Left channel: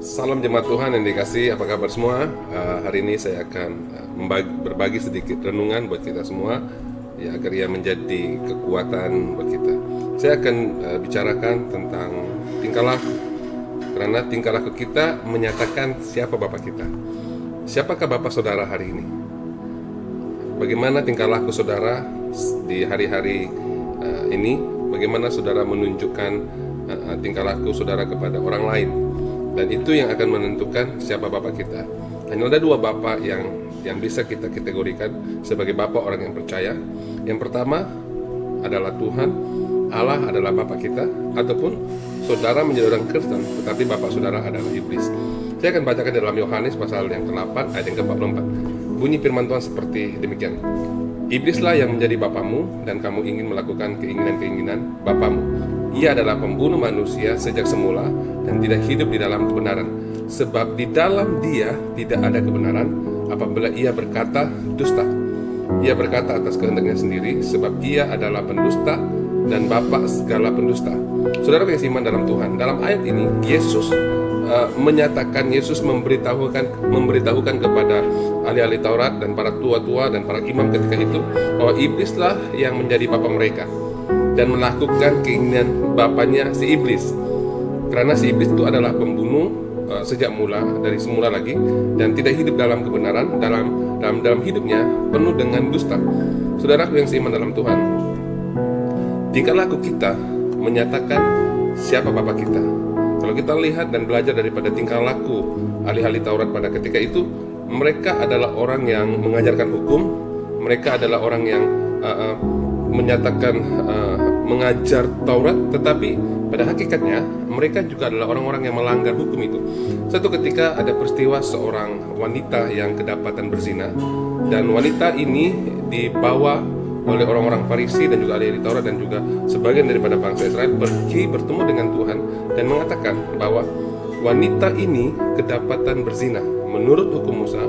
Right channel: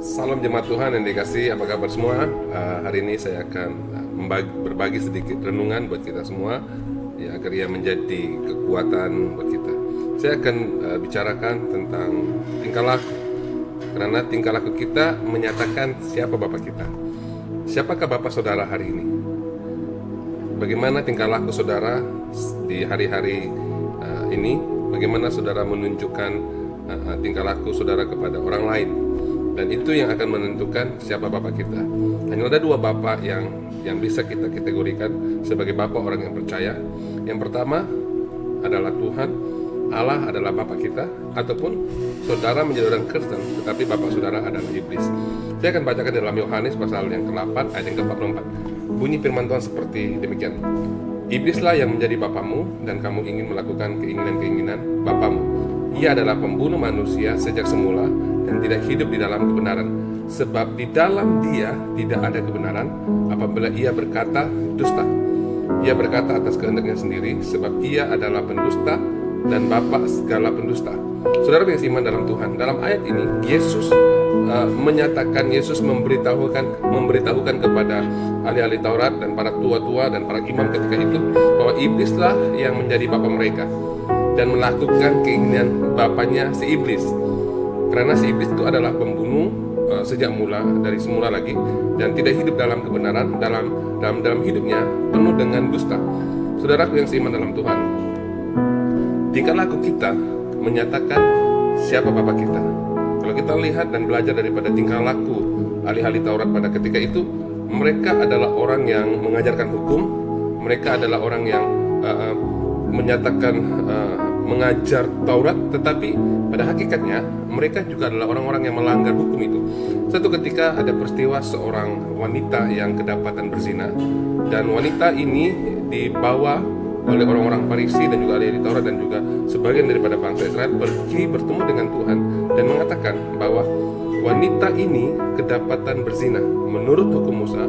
Salam jemaat Tuhan yang dikasihi, apa kabar semua? Hari ini saya akan berbagi sedikit renungan buat kita semua, ya, agar ia menjadi kekuatan buat kita. Saya akan bicarakan tentang tingkah laku, karena tingkah laku kita menyatakan siapa Bapak kita. Siapakah Bapak Saudara hari ini? Bagaimana tingkah laku saudara di hari-hari ini? Bagaimana saudara menunjukkan tingkah laku saudara kepada orang lain? Dan itu yang akan menentukan siapa Bapak kita. Hanya ada dua Bapak yang bisa kita kategorikan sebagai Bapak orang yang percaya. Yang pertama adalah Tuhan, Allah adalah Bapak kita, ataupun saudara menjadi orang Kristen, tetapi Bapak saudara adalah iblis. Saya akan bacakan dalam Yohanes pasal yang ke-8 ayat yang ke-44. Bunyi firman Tuhan seperti demikian. Iblislah yang menjadi bapamu, dan kamu ingin melakukan keinginan-keinginan bapamu. Ia adalah pembunuh manusia sejak semula dan tidak hidup di dalam kebenaran. Sebab di dalam dia tidak ada kebenaran. Apabila ia berkata dusta, ia berkata atas kehendaknya sendiri, sebab ia adalah pendusta dan bapa segala pendusta. Saudara yang iman dalam Tuhan, dalam ayat ini Yesus menyatakan, Yesus memberitahukan kepada ahli-ahli Taurat dan para tua-tua dan para imam ketika itu bahwa iblislah yang menjadi bapa mereka dan melakukan keinginan bapaknya si iblis. Karena si iblis itu adalah pembunuh sejak mula, dari semula lagi, dan tidak hidup dalam kebenaran, dalam hidupnya penuh dengan dusta. Saudaraku yang seiman dalam Tuhan, tingkah laku kita menyatakan siapa Bapak kita. Kalau kita lihat dan belajar daripada tingkah laku ahli-ahli Taurat pada ketika itu, mereka adalah orang yang mengajarkan hukum, mereka adalah orang yang menyatakan mengajar Taurat, tetapi pada hakikatnya mereka juga adalah orang-orang yang melanggar hukum itu. Suatu ketika ada peristiwa seorang wanita yang kedapatan berzina, dan wanita ini dibawa oleh orang-orang Farisi dan juga ahli Taurat dan juga sebagian daripada bangsa Israel pergi bertemu dengan Tuhan dan mengatakan bahwa wanita ini kedapatan berzina. Menurut hukum Musa,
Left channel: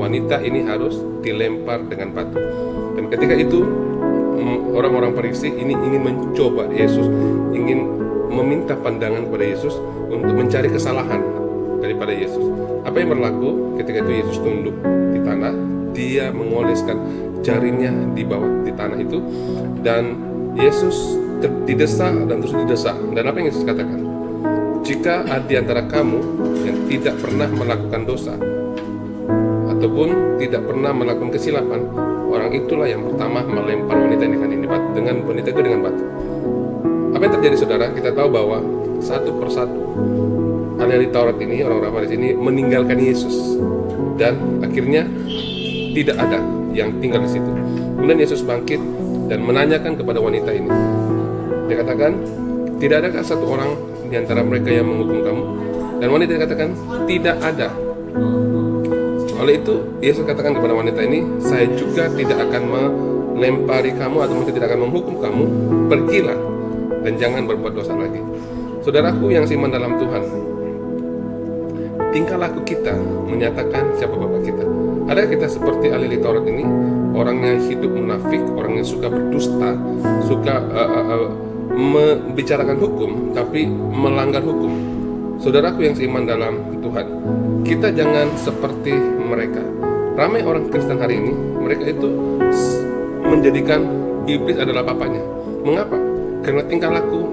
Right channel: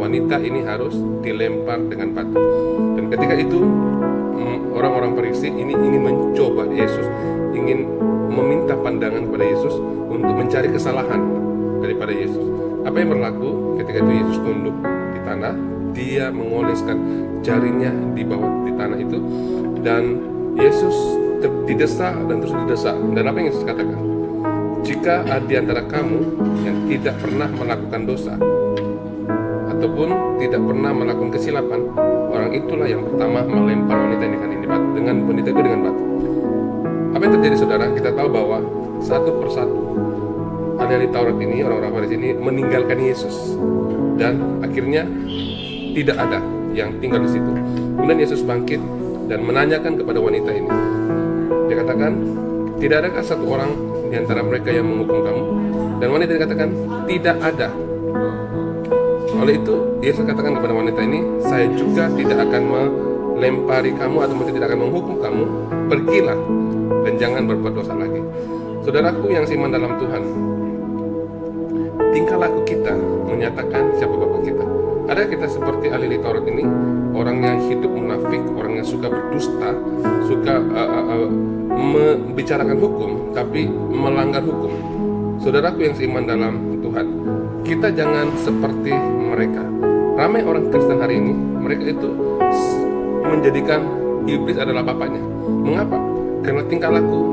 wanita ini harus dilempar dengan batu. Dan ketika itu orang-orang Farisi ini ingin mencoba Yesus, ingin meminta pandangan kepada Yesus untuk mencari kesalahan daripada Yesus. Apa yang berlaku ketika itu? Yesus tunduk di tanah, dia mengoleskan jarinya di bawah di tanah itu, dan Yesus didesak dan terus didesak. Dan apa yang Yesus katakan? Jika ada di antara kamu yang tidak pernah melakukan dosa ataupun tidak pernah melakukan kesilapan, orang itulah yang pertama melempar wanita ini dengan wanita itu dengan batu. Apa yang terjadi saudara? Kita tahu bahwa satu persatu ahli Taurat ini, orang-orang Farisi ini meninggalkan Yesus, dan akhirnya tidak ada yang tinggal di situ. Kemudian Yesus bangkit dan menanyakan kepada wanita ini. Dia katakan, tidak adakah satu orang di antara mereka yang menghukum kamu? Dan wanita dikatakan, tidak ada. Oleh itu Yesus katakan kepada wanita ini, saya juga tidak akan melempari kamu atau tidak akan menghukum kamu. Pergilah dan jangan berbuat dosa lagi. Saudaraku yang seiman dalam Tuhan, tingkah laku kita menyatakan siapa Bapak kita. Ada kita seperti ahli Taurat ini, orang yang hidup munafik, orang yang suka berdusta, suka membicarakan hukum tapi melanggar hukum. Saudaraku yang seiman dalam Tuhan, kita jangan seperti mereka. Ramai orang Kristen hari ini, mereka itu menjadikan iblis adalah bapaknya. Mengapa? Karena tingkah laku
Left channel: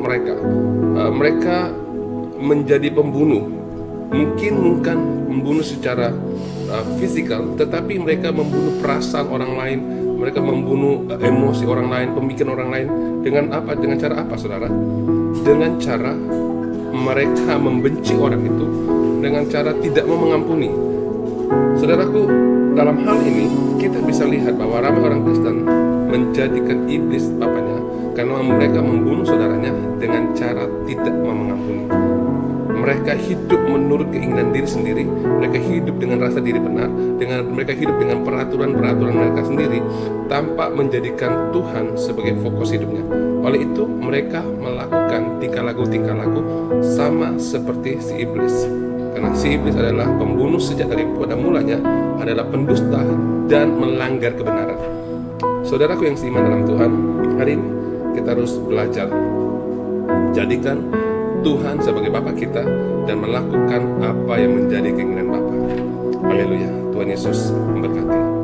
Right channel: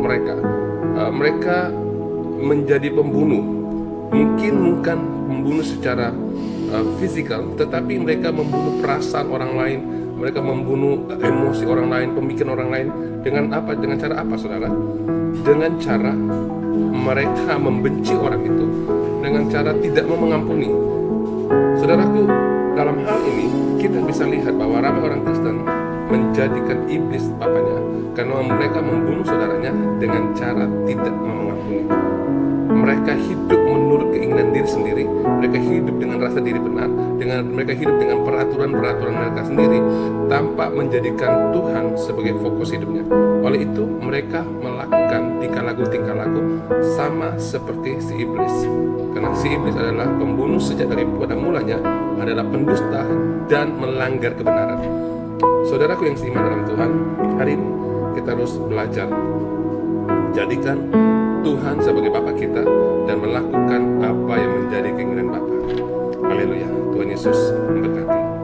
mereka menjadi pembunuh. Mungkin bukan membunuh secara fisikal, tetapi mereka membunuh perasaan orang lain, mereka membunuh emosi orang lain, pemikiran orang lain. Dengan apa? Dengan cara apa, saudara? Dengan cara mereka membenci orang itu, dengan cara tidak mau mengampuni. Saudaraku, dalam hal ini kita bisa lihat bahwa ramai orang Kristen menjadikan iblis bapaknya karena mereka membunuh saudaranya dengan cara tidak mau mengampuni. Mereka hidup menurut keinginan diri sendiri, mereka hidup dengan rasa diri benar, mereka hidup dengan peraturan-peraturan mereka sendiri tanpa menjadikan Tuhan sebagai fokus hidupnya. Oleh itu mereka melakukan tingkah laku sama seperti si iblis. Karena si iblis adalah pembunuh sejak dari pada mulanya, adalah pendusta dan melanggar kebenaran. Saudaraku yang seiman dalam Tuhan, hari ini kita harus belajar jadikan Tuhan sebagai Bapa kita dan melakukan apa yang menjadi keinginan Bapa. Haleluya. Tuhan Yesus memberkati.